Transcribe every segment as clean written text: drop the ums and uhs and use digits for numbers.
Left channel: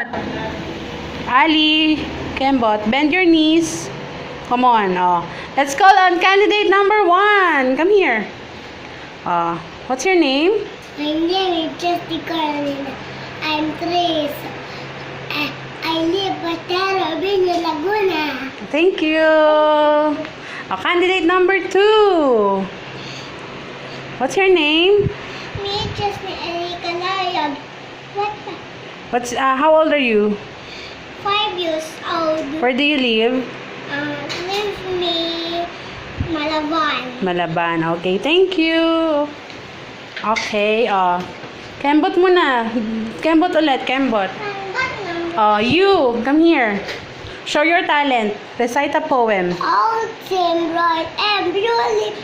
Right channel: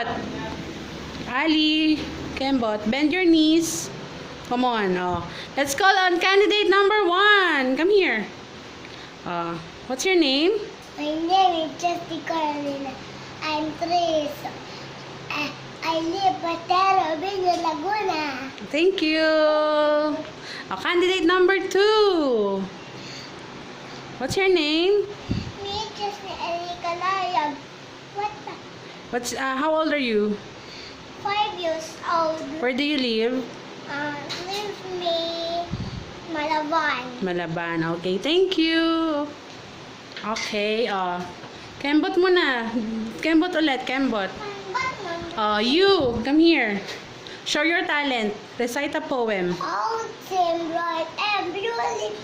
Kembot. Ali, Kembot, bend your knees. Come on. Oh. Let's call on candidate number 1. Come here. What's your name? My name is Jessica Carolina. I'm 3. I live at Tarabini, Laguna. Thank you. Candidate number 2. What's your name? Me, Justin Erika Layan. How old are you? 5 years old. Where do you live? Live me, Malaban. Malaban. Okay, thank you. Okay, Kembot muna. Kembot ulit, Kembot. You, come here. Show your talent. Recite a poem. All seem bright and blue lips.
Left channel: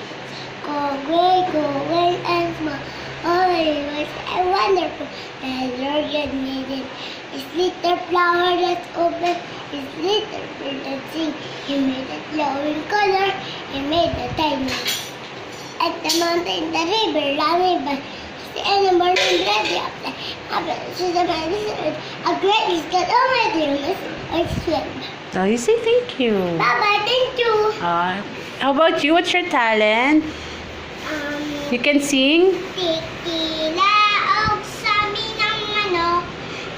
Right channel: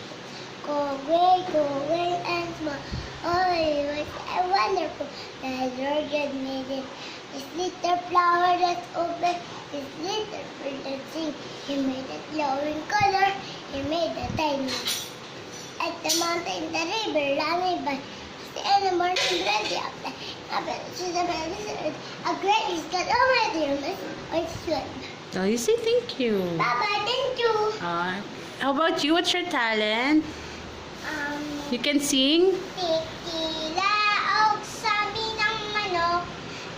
Go away and smile. Oh, it was wonderful. The Lord God made it. His little flower that's open. His little bird that sing. He made a glowing color. He made a tiny. At the mountain, the river, running by. The animal and ready up there. A great is God Almighty. I swim. So you say thank you. Bye-bye, thank you. How about you? What's your talent? You can sing? Tikilaog sabi ng manok,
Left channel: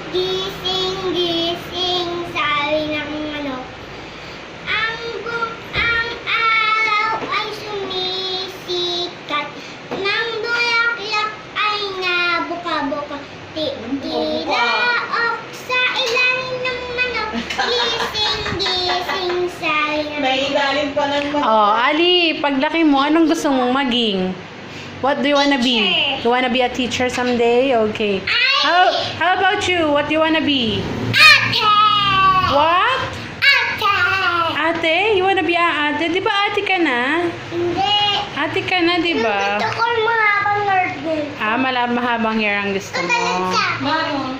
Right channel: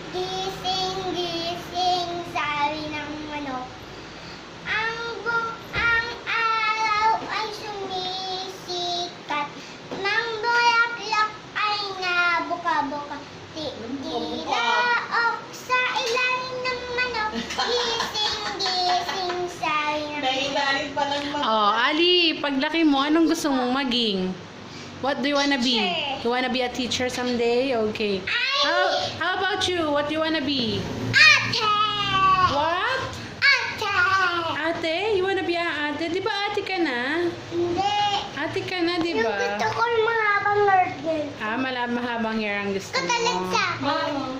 gising, gising, sabi ng manok. Ang araw ay sumisikat, ng bulaklak ay nabuka-buka. Tikilaog sa ilalim ng manok, gising, gising, sabi ng manok. May ilalim pa ng mga. Ali, paglaki mo, anong gusto mong maging? What do you wanna be? Teacher. You wanna be a teacher someday? Okay. How about you? What do you wanna be? Ate! What? Ate! Ate? You wanna be a ate? Di ba ate ka na? Hindi. Ate ka na, di ba? Gusto ko yung mahabang nerdel. Mahabang hair ang gusto mo. Tatalit sa akin.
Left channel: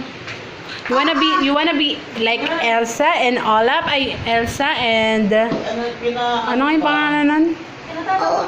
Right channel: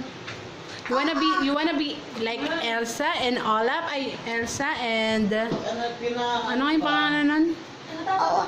You wanna be like Elsa and Olaf? Elsa and... Ano yung Ano yung pangalan nun? Oo.